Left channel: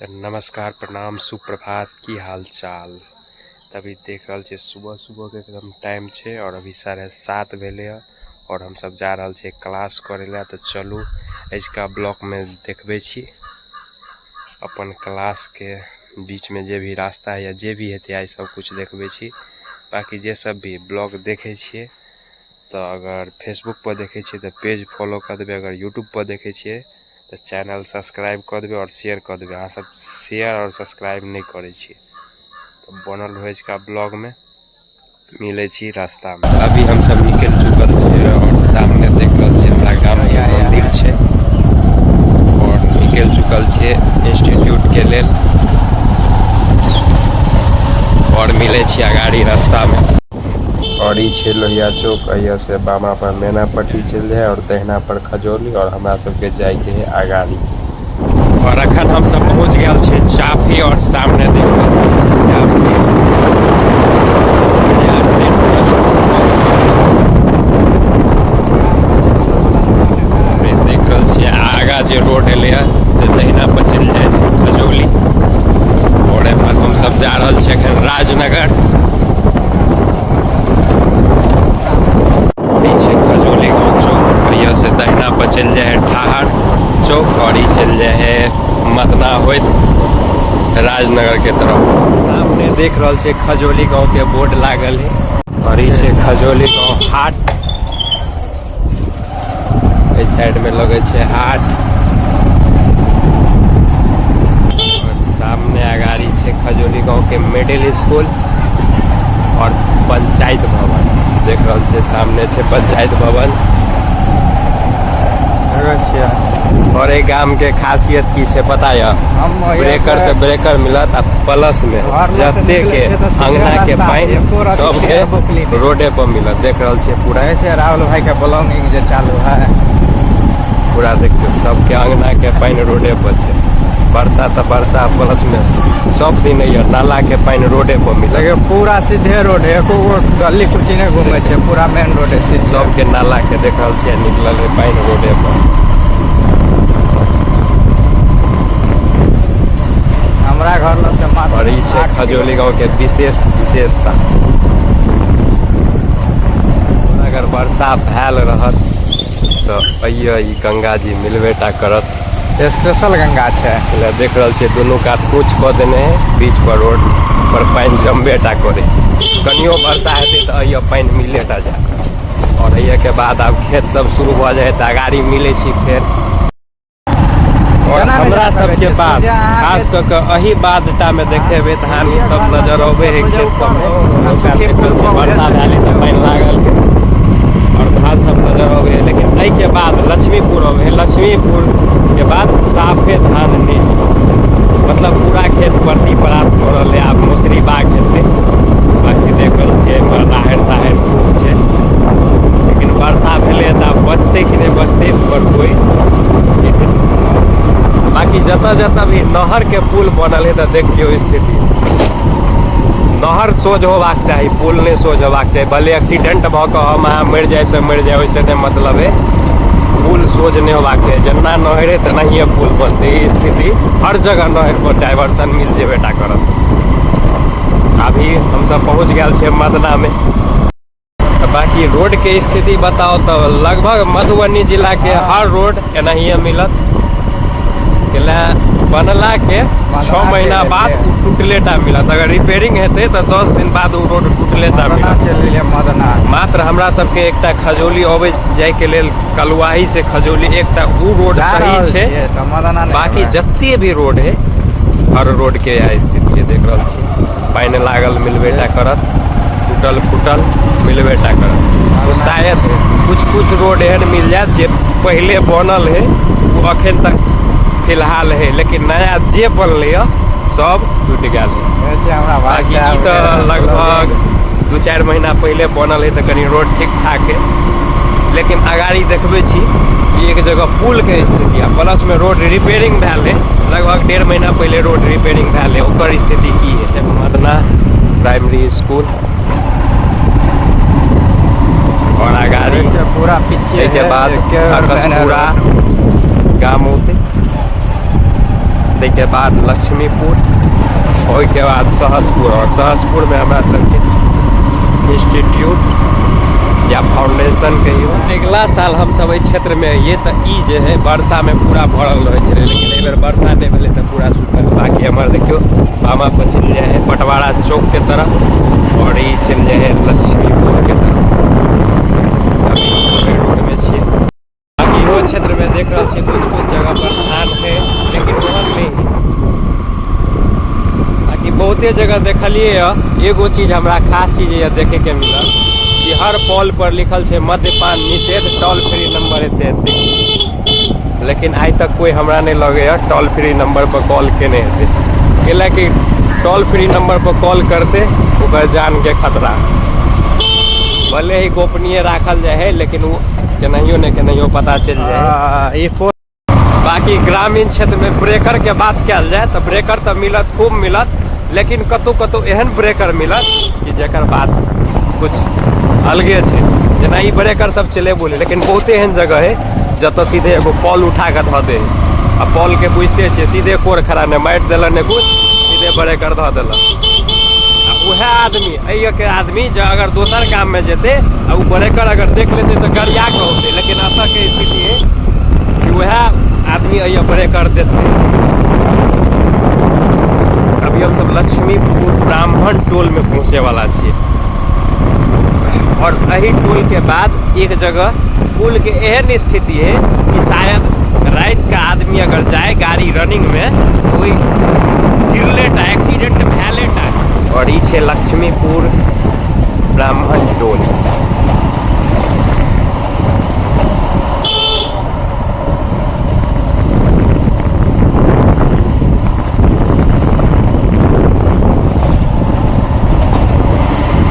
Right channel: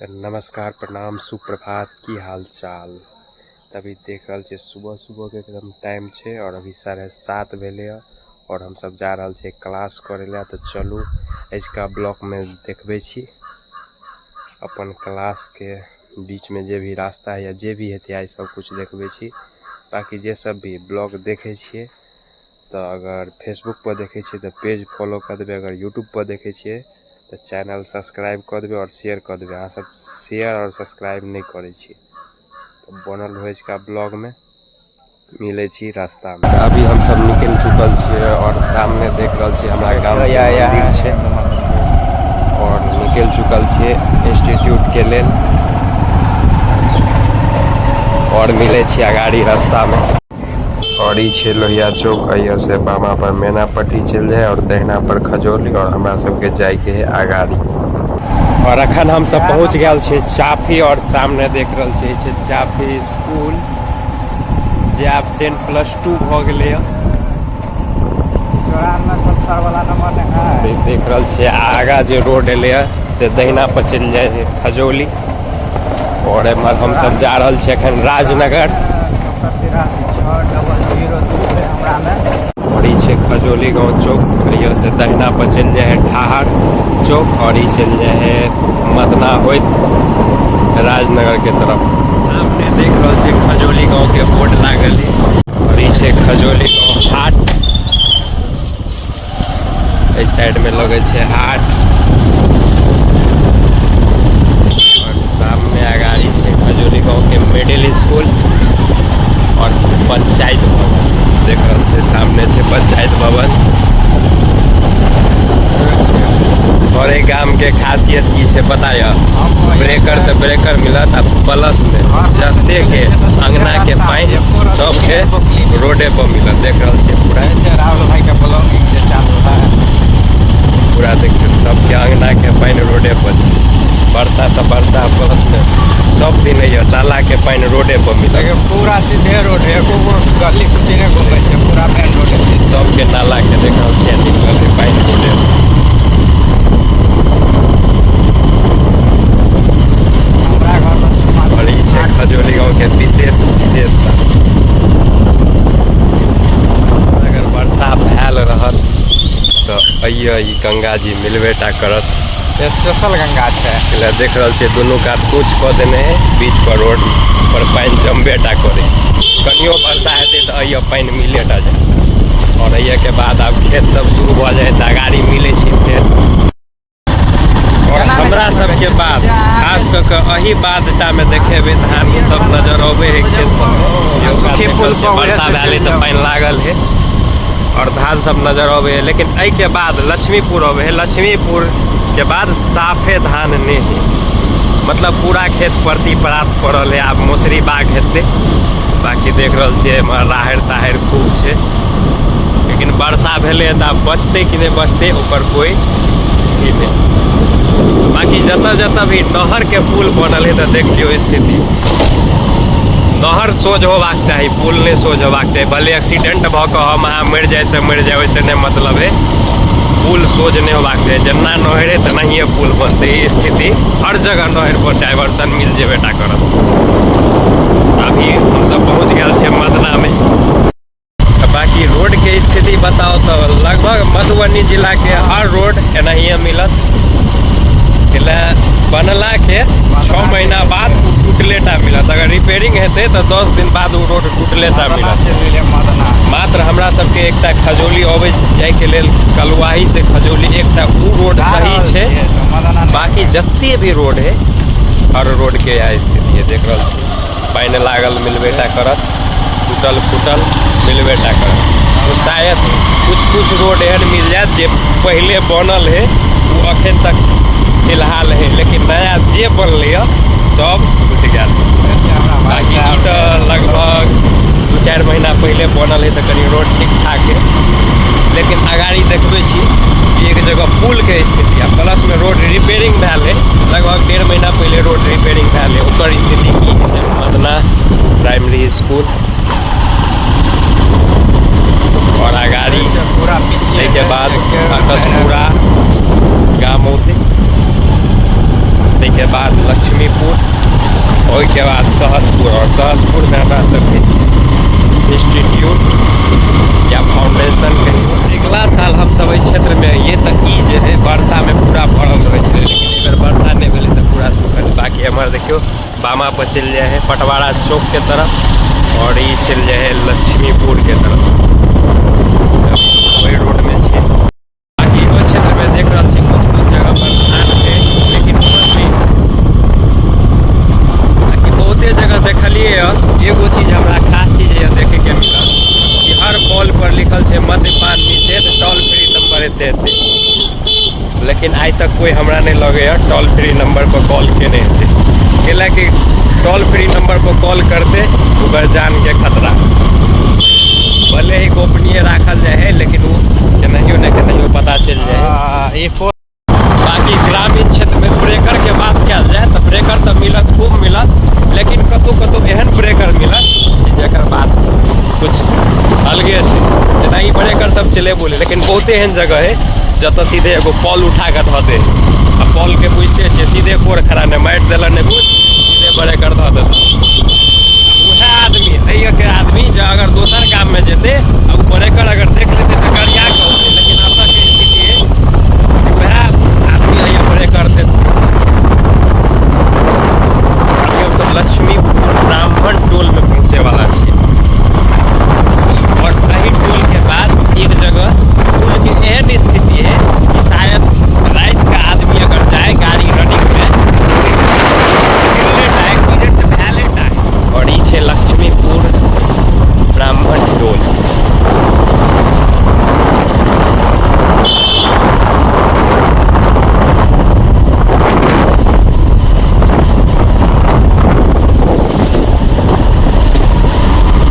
तो नमस्कार, प्रणाम, सुप्रभात, की हाल चाल। तभी देख रहा छे सुबह सुबह के एकदम टाइम छे और अभी 7:30 भेले और हम सब जा रहा छे क्लास करे ला। तो चलू इसका ब्लॉक में देखबे छी अपन क्लास के बीच में जे भी रास्ता है या जे भी हेते आई सब कुछ देखबे छी। बाकी जे सब भी ब्लॉग देखे छिए तो अगर फेसबुक पर देखे छिए तो पेज फॉलो कर देबे, अगर यूट्यूब पर देखे छिए तो चैनल सब्सक्राइब कर देबे और शेयर कर देबे। अहाँ सब शेयर और सब्सक्राइब नहीं करे छिए तो बनल रहे का ब्लॉग में मिले छी रास्ता में। अभी हम सब निकल चुकल छे और सामने देख रहा छे हमरा गांव के मंदिर छे और निकल चुकल छे इंस्टीट्यूट के लेल और मिले छी अगाड़ी रास्ता में। और ई छे लोहिया चौक, अहिया से बामा पर मैनापट्टी चल जाए और दहिना पर खजौली और हमरा सबके जाए के है अगाड़ी। और अखन हम सब पहुंच गए छे चाफी और सामने देख रहल छे चाफी स्कूल जे आब 10+2 हो गेले। और देख रहल छे आगा जे रोड एले ते दहिना पर चल जाए है खजौली और एमहर हम सब जा रहल छे अखन राजनगर। और छे खजौली गांव चौक, अहिया से दहिना पर चल जाए है ठाहर चौक और ई चल जाए है मदना होइत राजनगर के तरफ। सामने देख रहल छे खजौली गांव के बोर्ड लागल है और ई छे खजौली गांव हाट। इस साइड में लगे छे हाट और सामने अगाड़ी छे खजौली गांव के मिडिल स्कूल और पंचायत भवन। देख रहल छे सामने छे पंचायत भवन। और एक गांव के खासियत की छे पता है? ब्रेकर तो ब्रेकर मिलत आ प्लस में जते के अंगना के पानी सब के रोडे पर मिलत। देख रहल छे पूरा राहुल भाई का ब्लॉगिंग जे चालू है पूरा देखियो सबके अंगना के पानी रोडे पर छे। वर्षा तो वर्षा प्लस में सब दिन है नाला के पानी रोडे पर मिलत। पूरा सीधे रोड है, गली कुछ नहीं घूमे छे, पूरा मेन रोड है सबके नाला के देख रहल छे निकलल है पानी रोडे पर। हमरा घर में और ई छे खजौली गांव के विशेषता। अगर वर्षा भैल रहत तो अइया ई गंगा जी मिलबेटा करत। स्पेशल गंगा छे। देख रहल छे दोनों कात कुछ कऽ देने है, बीच पर रोड पर पानी जमबेटा करे। कनियो वर्षा हेते तो अइया पानी मिलेटा जाए और अइया के बाद अब खेत सब शुरू हो जाए तो गाड़ी मिले छी फेर। और हमरा सबके बाद खास करके अही बाधता में देखेबे धान सब नजर आवे है खेत सब में। वर्षा भेले तो पानी लागल है और धान सब नजर आवे है। लेकिन एहि के बाद लक्ष्मीपुर आवे है, लक्ष्मीपुर के बाद साफे धान ने मतलब पूरा खेत परती प्राप्त पड़ल है। आब मौसरी बाग हेते। बाकी देख रहल छिए राहड़ ताहड़ खूब छे लेकिन वर्षा भेले तो आब बचते कि नहीं बचते ऊपर कोई ठीक है। बाकी जता जता भी नहर के पुल बनल है तो देख लियो स्थिति। नहर सोझ होबाक चाही, पुल नहीं सोझ होबाक चाही। भले एक्सीडेंट भ के हम अहाँ मर जाए से मर जाए वैसे नहीं मतलब है। पुल सोझ नहीं होबाक चाही, जना नहरे तो नहीं पुल बनते। स्थिति हर जगह नहर पर डाइवर्सन मिल जेबेटा करत। अभी हम सब पहुँच गए छे मदना में। बाकी रोड के स्थिति बताओ तो लगभग मधुबनी जिला के हर रोड एनाहिए मिलत। बनला के 6 महीना बाद टूटलेटा मिलत। अगर रिपेयरिंग हेते तो 10 दिन बाद वो रोड टूटलेटा मिलत। मात्र हमरा सबके एकटा खजौली आवे जाए के लेल कलुआही से खजौली एकटा उ रोड सही छे। बाकी जत्ते भी रोड है हर रोड के यह स्थिति है। देख रहल छी पानी लागल मिलबेटा करत, टूटल फूटल मिलबेटा करत। तो शायद कुछ रोड एहन मिल जाए जे पहले बनल है वो अखन तक फिलहाल है, लेकिन नया जे बनल सब टूट गया। बाकी की तो लगभग 2-4 महीना पहले बनल है तो कहीं रोड ठीक ठाक है। लेकिन अगाड़ी देखबे छी एक जगह पुल के स्थिति है, प्लस में रोड रिपेयरिंग भेल है। लगभग 1.5 महीना पहले रोड रिपेयरिंग भेल है, ओकर स्थिति की है। मदना प्राइमरी स्कूल और अगाड़ी के बाद अकसपुरा गामोते ताहिके बाद लक्ष्मीपुर, ओहिके बाद सहसपुर, और सहसपुर में हमरा सबके इंस्टीट्यूट या फाउंडेशन कहियो। अगला साल हम सब एहि क्षेत्र में ये तो ई जे है वर्षा में पूरा भरल रहे छे, लेकिन एहि बेर वर्षा नहीं भेले तो पूरा सुखल। बाकी हमार देखियो बामा पर चल जाए है पटवाड़ा चौक के तरफ, और ये चल जाए है लक्ष्मीपुर के तरफ। अभी हम सब एहि रोड में छे। बाकी इहो क्षेत्र में देख रहा छी कुछ कुछ जगह पर धान है, लेकिन वहाँ नहीं। बाकी बहुते जगह देखलिए एगो चीज हमरा खास चीज ये देखे के मिलल कि हर पोल पर लिखल है मद्यपान निषेध, टोल फ्री नंबर एते, लेकिन आज तक कोई हमरा नहीं लगे टोल फ्री नंबर पर कॉल केने हेते। कैला कि टोल फ्री नंबर पर कॉल करते ओकर जान के खतरा, भले ही गोपनीय राखल जाए है, लेकिन वो केनाहियो न केनाहियो पता चल जाए। बाकी ग्रामीण क्षेत्र में ब्रेकर के बात किया जाए तो ब्रेकर तो मिलत, खूब मिलत, लेकिन कतौ कतौ एहन ब्रेकर मिलत कि जेकर बात कुछ अलगे है। जना ई ब्रेकर सब चले बोले, लेकिन बहुते एहन जगह है जत सीधे एगो पॉल उठा के धऽ दे, आ पॉल के बुझते छे सीधे कोर खड़ा ने मारि देलन ने कुछ, सीधे ब्रेकर धऽ देलन। वह आदमी के आदमी जो अगर दोसर काम में जेते आ उ ब्रेकर अगर देख लेते तो गरिया के होते, लेकिन ऐसा के स्थिति है कि वह आदमी अइया ब्रेकर देते। अभी हम सब लक्ष्मीपुर ब्राह्मण टोल में पहुंचे वाला छिए, और अही टोल के बाद एक जगह पुल के एहन स्थिति है कि शायद रात का आदमी अगर जाए गाड़ी रनिंग में तो गिरलेटा एक्सीडेंट भैलेटा है। और ई छे लक्ष्मीपुर ब्राह्मण टोल।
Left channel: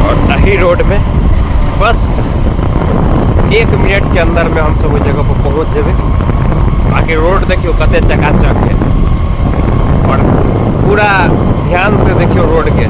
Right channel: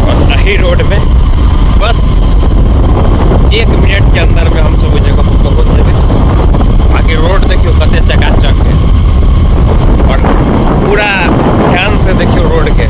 और अही रोड में बस 1 मिनट के अंदर में हम सब उस जगह पर पहुंच जेबे। बाकी रोड देखियो कते चकाचक है, और पूरा ध्यान से देखियो रोड के।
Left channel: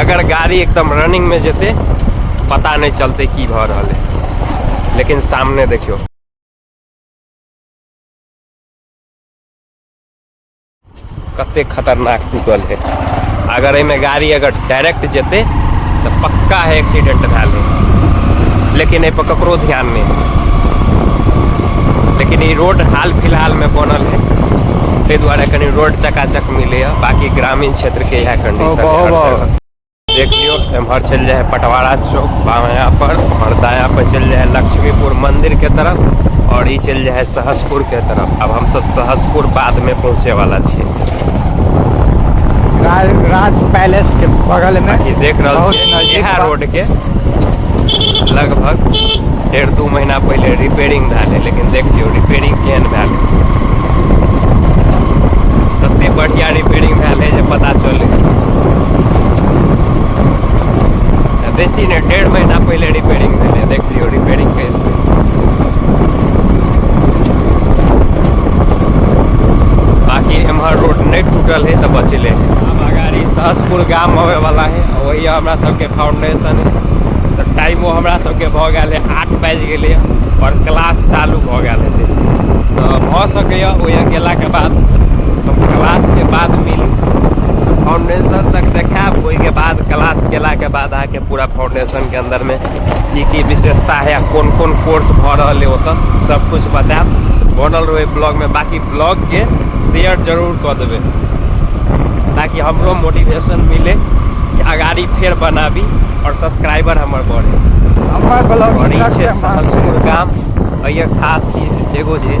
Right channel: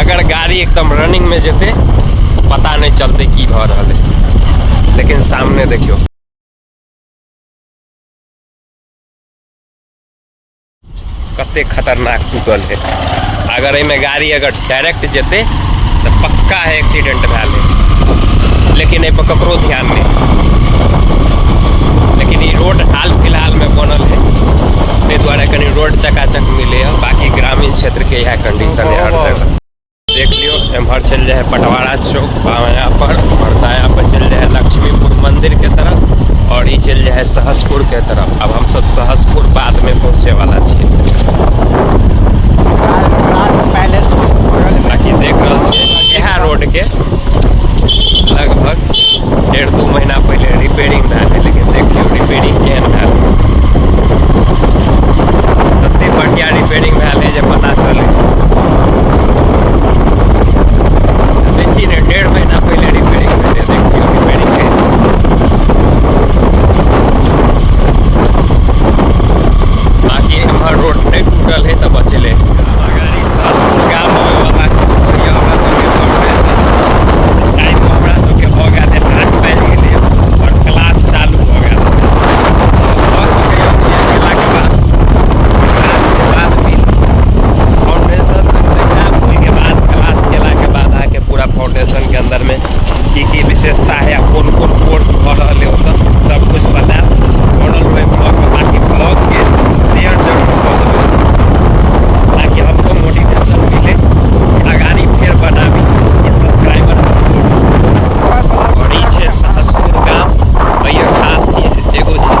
अगर गाड़ी एकदम रनिंग में जेते पता नहीं चलते की भ रहल है, लेकिन सामने देखियो कते खतरनाक टूटल है। अगर एमे गाड़ी अगर डायरेक्ट जेते तो पक्का है एक्सीडेंट भैल है, लेकिन ए पर ककरो ध्यान नहीं। लेकिन ये रोड हाल फिलहाल में बनल है, ते द्वारा कहीं रोड चकाचक मिले है। बाकी ग्रामीण क्षेत्र के यह कंडीशन है हर जगह। देख लियो एम्हर चल जाए पटवाड़ा चौक बाया पर, और दाया पर चल जाए लक्ष्मीपुर मंदिर के तरफ, और ये चल जाए सहसपुर के तरफ। अब हम सब सहसपुर बाद में पहुंचे वाला छे। राज पैलेस के बगल में। बाकी देख रहे हैं यह रोड के लगभग 1.5-2 महीना पहले रिपेयरिंग भेल है, लेकिन देख लियो रिपेयरिंग केहन भेल है। तते बढ़िया रिपेयरिंग भेल है जे पता चले। बेसी ने 1.5 महीना पहले रिपेयरिंग भेल है। देख लियो रिपेयरिंग के। बाकी एम्हर रोड नहीं टूटल है तो बचले है। गाड़ी सहसपुर गाँव होवे वाला है, वही हमरा सबके फाउंडेशन। टाइमो हमरा सबके भऽ गेल है 8 बाजि गेलै, और क्लास चालू भऽ गेल है। तो भऽ सकैए ओहि गेला के बाद क्लास के बाद मिल फाउंडेशन तक देखाब। ओहि के बाद क्लास केला के बाद आके पूरा फाउंडेशन के अंदर में की विशेषता है, कौन कौन कोर्स भऽ रहल है ओतऽ सब कुछ बताब। बनल रहे ब्लॉग में। बाकी ब्लॉग के शेयर जरूर कर देबै, ताकि हमरो मोटिवेशन मिले कि आगाड़ी फेर बनाबी और सब्सक्राइबर हमर बढ़े। और ई छै सहसपुर गाँव। ये खास चीज एगो छै,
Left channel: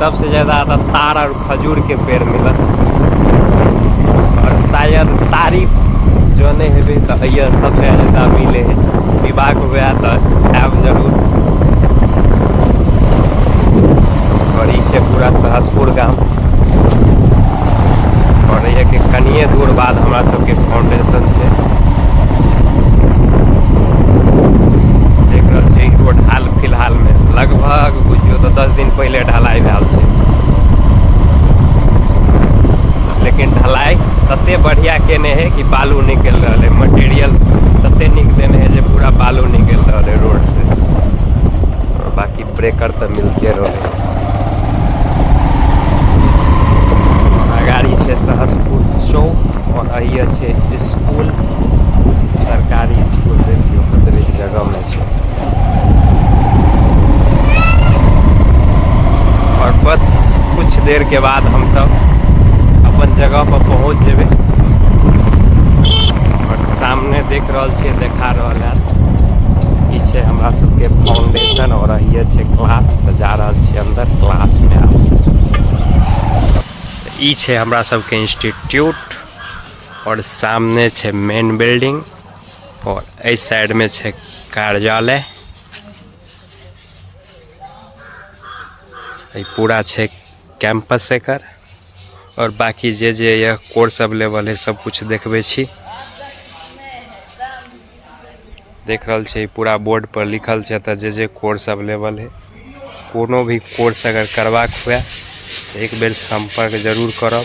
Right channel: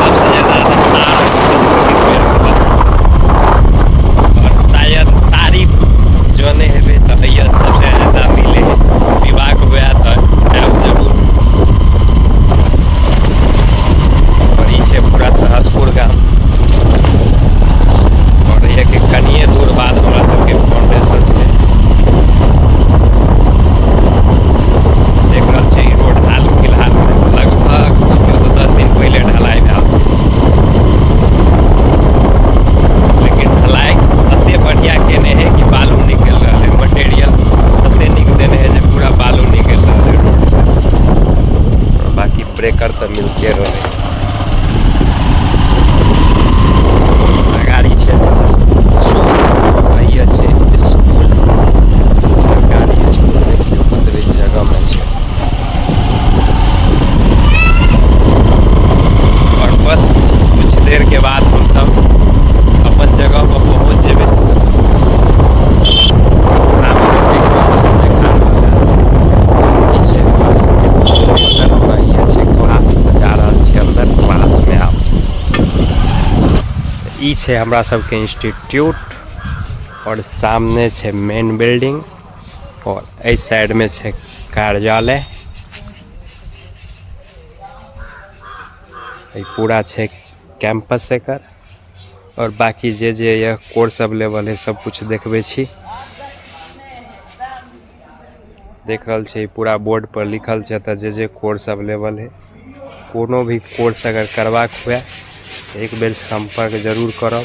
सबसे ज्यादा तार और खजूर के पेड़ मिलत, और शायद तारीफ जने हेबे तो ये सबसे ज्यादा मिले है। विवाह हुआ तो आब जरूर। और ई छै पूरा सहसपुर गाँव। और ये कि कनिए दूर बाद हमरा सबके फाउंडेशन छै। देख रहल छै रोड हाल फिलहाल में लगभग बुझियो तो 10 दिन पहले ढलाई भेल छै, लेकिन ढलाई तते बढ़िया केने है कि बालू निकल रहा है। मटेरियल तते निक देने है जे पूरा बालू निकल रहा है रोड से। और बाकी ब्रेकर तो मिलते रहे। गाड़ी छे के बाद हम सब अपन जगह पर पहुँच जेबे। और सामने देख रहा छे, देखा रहा है ई छे हमरा सबके फाउंडेशन और ये छे क्लास। तो जा रहा छे अंदर क्लास में। आब ई छे हमरा सबके इंस्टीट्यूट और सामने छे मेन बिल्डिंग और इस साइड में छे कार्यालय। पूरा छे कैंपस एकर और बाकी जे यह कोर्स अवेलेबल है सब कुछ देखबे छी। देख रहल छे पूरा बोर्ड पर लिखल छे त जे कोर्स अवेलेबल है। कोनो भी कोर्स अगर करवाक हुए तो एक बेर संपर्क जरूर करब।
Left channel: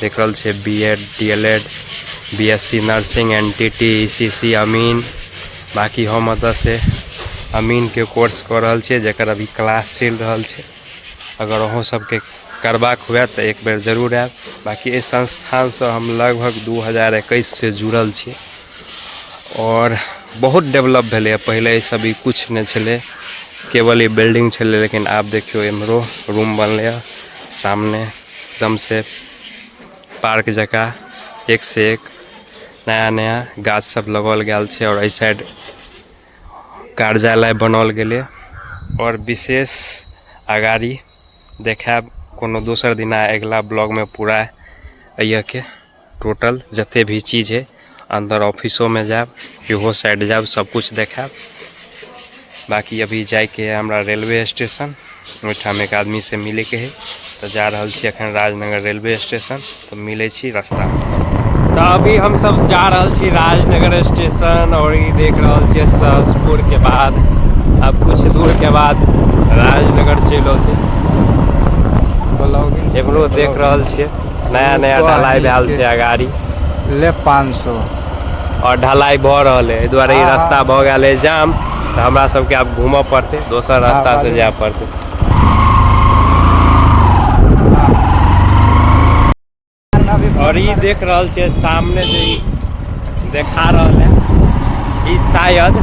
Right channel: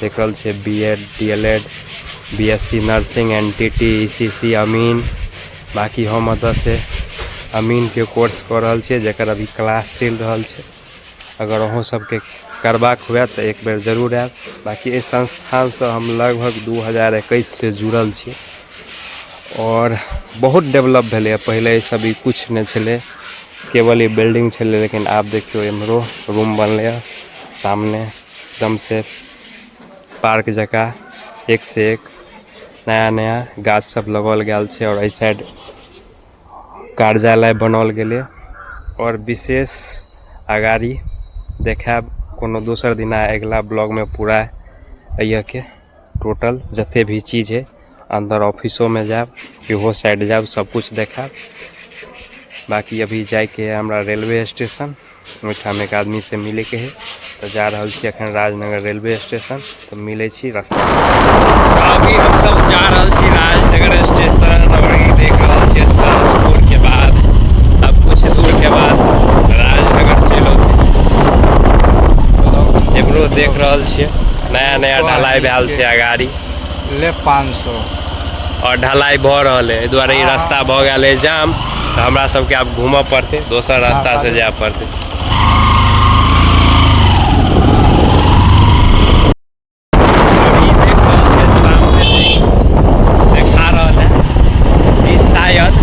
देख रहल छे BEd, DElEd, BSc nursing, NTT, ECC, अमीन। बाकी हम अत से अमीन के कोर्स कर रहल छे जेकर अभी क्लास चल रहल छे। अगर अहों सबके करबाक हुए तो एक बेर जरूर आएब। बाकी इस संस्थान से हम लगभग 2021 से जुड़ल छी और बहुत डेवलप भेले। पहले सब ई कुछ नहीं छले, केवल ये बिल्डिंग छले, लेकिन आप देखियो एमरो रूम बनले सामने एकदम से पार्क जका। एक से एक नया नया गाछ सब लगल गेल छे और इस साइड कार्यालय बनल गेले। और विशेष अगाड़ी देखाब कोनो दोसर दिन अगला ब्लॉग में पूरा अइया के टोटल जते भी चीज़ है अंदर ऑफिसों में जाब, इहो साइड जाब, सब कुछ देखाब। बाकी अभी जाए के है हमरा रेलवे स्टेशन, ओहिठाम एक आदमी से मिले के है। तो जा रहल छी अखन राजनगर रेलवे स्टेशन, तो मिले छी रास्ता। तो अभी हम सब जा रहल छी राजनगर स्टेशन और ये देख रहल छी सहसपुर के बाद अब कुछ दूर के बाद राजनगर से लो एमरो देख रहल छियै नया नया ढलाई भेल छै अगाड़ी ले 500 और ढलाई भ रहल है। एहि दुआरे ई रास्ता भ गेल है जाम। तो हमरा सबके आब घूमऽ पड़ते, दोसर रास्ता से जाय पड़ते। और ये देख रहल छियै सामने जो देखा रहल है ई शायद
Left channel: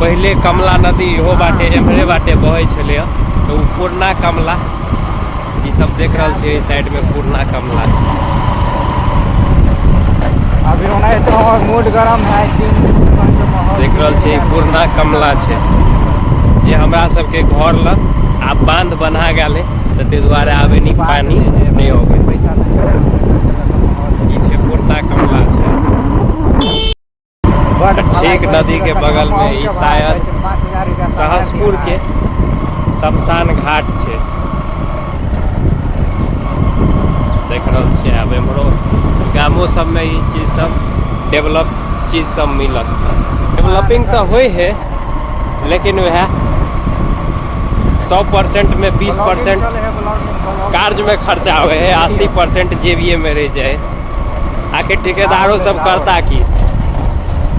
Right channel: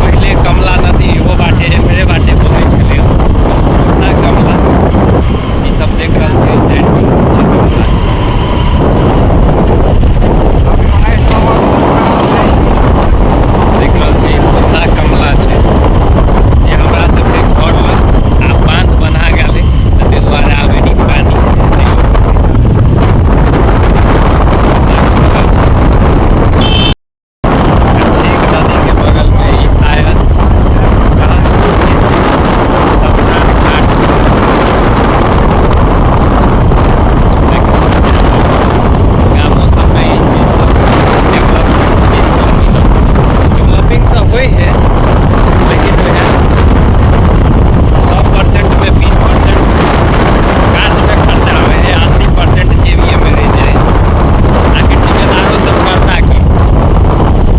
पहले कमला नदी इहो बाटे एम्हरे बाटे बहै छलै तो पुरना कमला ई सब देख रहल छियै। साइड में पुरना कमला देख रहल छियै पुरना कमला छै जे हमरा सबके घर लग आब बांध बना गेल है। तो ताहि दुआरे आब एनी पानी नहीं अबै छै। पुरना कमला ठीक नदी के बगल में ई शायद सहसपुर के शमशान घाट छै। गामों सब में ये चीज सब डेवलप चीज सब मिलल। डेवलपिंग तो हुए है लेकिन वह 100% में 20% कार्य में खर्चा हुए है, 80% जेबीए में रह जाए। आखिर ठेकेदारों सब करता कि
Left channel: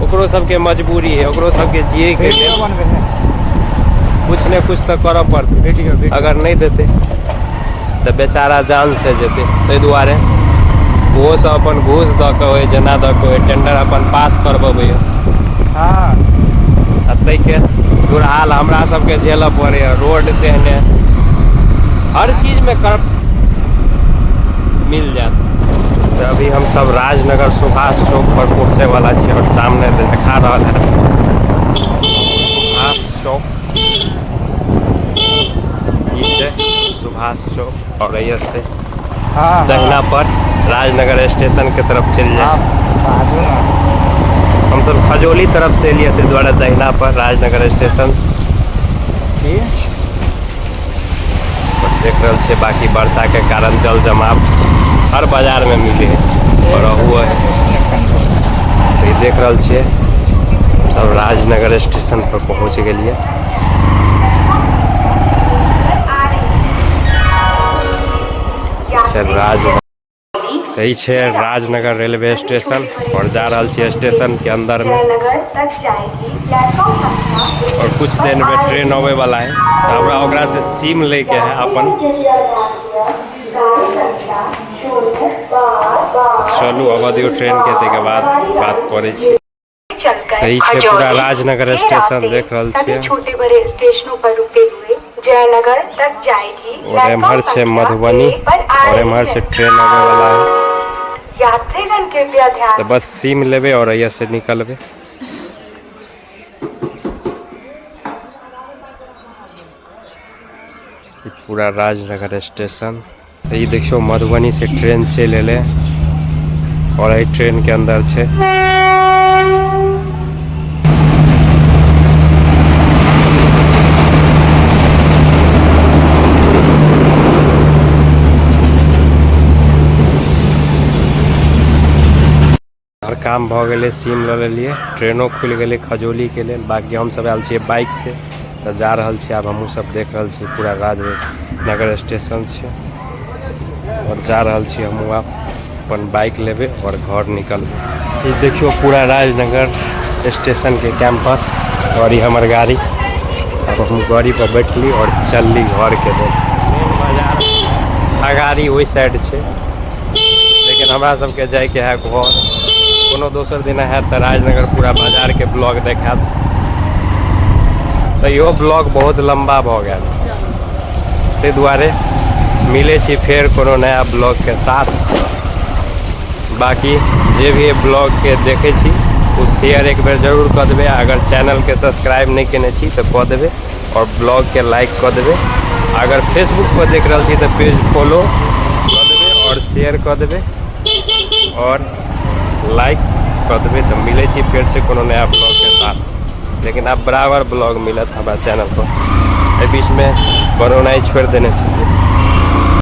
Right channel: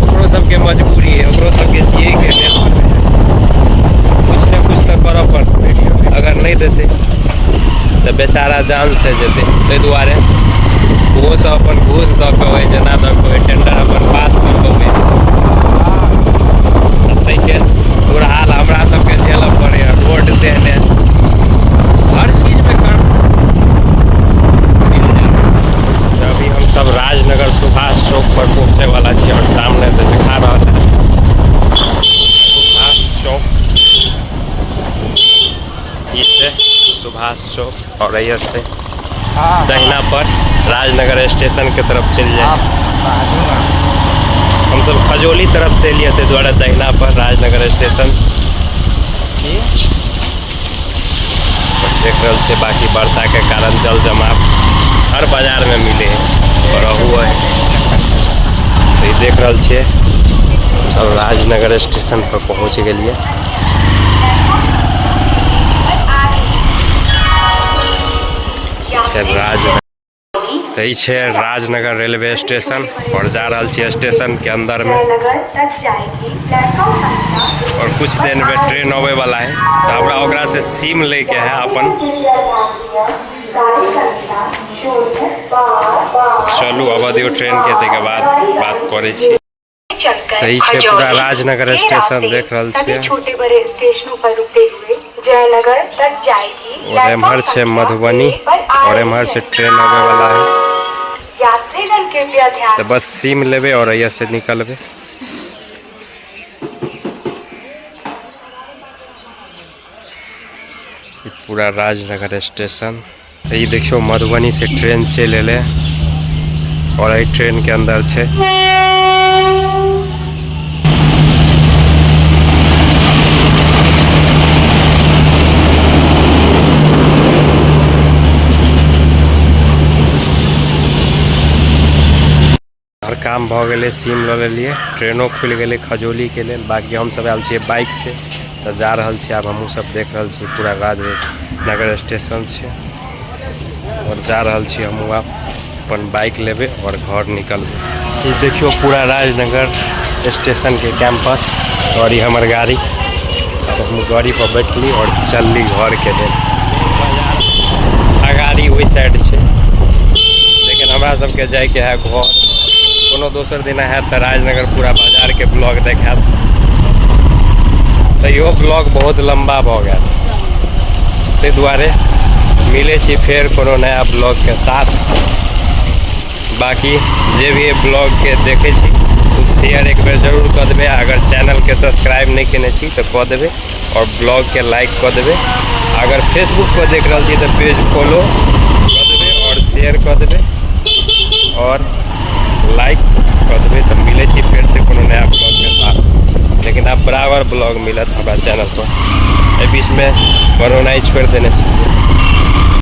ओकरो सबके मजबूरी है, ओकरो सबके जिए के लिए कुछ न कुछ तो करऽ पड़तै। अगर नहीं देते तो बेचारा जान से जेते। ताहि दुआरे वो सब अपन घूस दऽ के जेना दऽ के टेंडर अपन पास करबे। तै के दुरहाल हमरा सबके झेलऽ पड़े। रोड देने हर चीज में कर मिल जाए। तो अभी हम सब राजनगर सुभाष चौक पर पहुँचे वाला छी और सामने दिखा रहा है सुभाष चौक। ये सुभाष चौक और ये से दहिना पर राजनगर स्टेशन के तरफ चल जाए। हम सब खजोली तरफ से लिए थे द्वारा दहिना पर राजनगर स्टेशन देख रहे थे। बाकी वर्षा के कारण जल जमाव हर बाजार में मिले और हुआ है। तो ये देख रहे छे हम सब राजनगर स्टेशन पर पहुँच गए। राजनगर रेलवे स्टेशन और जा रहा छी स्टेशन के अंदर में और कुछ दिन में ट्रेन आवे वाला है। तो हमरा ओकरा से सिम लेके है अपन। चलू अवधियो ट्रेन के ते के बाद बात करे छी। तो पूरा राजनगर स्टेशन देख रहल छियै। छोटे बड़े स्टेशनों पर रुकते हुए जयनगर तक जाएगी। और एम्हर से मधुबनी और एम्हर से ट्रेन आवे वाला है। यात्रीगण कृपया ध्यान तो बस सिम लेबे और यहाँ से निकलबे। ये पूरा राजनगर स्टेशन। तो ये देखियो मधुबनी से ट्रेन चल एले और ये ट्रेन के अंदर छे। और काम भ गए, सिम ल लेलिए, ट्रेनों खुल गए खजोली के लिए। बाकी हम सब आयल छे बाइक से तो जा रहल छे। अब हमहू सब देख रहल छे पूरा राजनगर स्टेशन छे और जा रहल छे हमहू अपन बाइक लेबे और घर निकलबे। ये देखियो पूरा राजनगर स्टेशन के कैंपस और ये हमार गाड़ी। अब हम गाड़ी पर बैठली और चलली घर के लिए। मेन बाजार अगाड़ी वही साइड छे, लेकिन हमरा सबके जाए के है घर। कोनो दोसर दिन है तो राजनगर पूरा बाजार के ब्लॉग देखात। तो यो ब्लॉग बहुत लंबा भ गया, ताहि दुआरे मिले छी फेर कोनो नया ब्लॉग के साथ। बाकी जे भी ब्लॉग के देखे छी वो शेयर एक बेर जरूर कर देबे। अगर चैनल के सब्सक्राइब नहीं केने छी तो कऽ देबे और ब्लॉग के लाइक कर देबे। अगर फेसबुक पर देख रहा छी तो पेज फॉलो कर देबे और शेयर कर देबे और लाइक कर देबे। तो मिले छी फिर से कोनो नया ब्लॉग के साथ। लेकिन आप बराबर ब्लॉग मिलत हमारा चैनल पर। बीच में बनौनाई छोड़ देने चाहिए।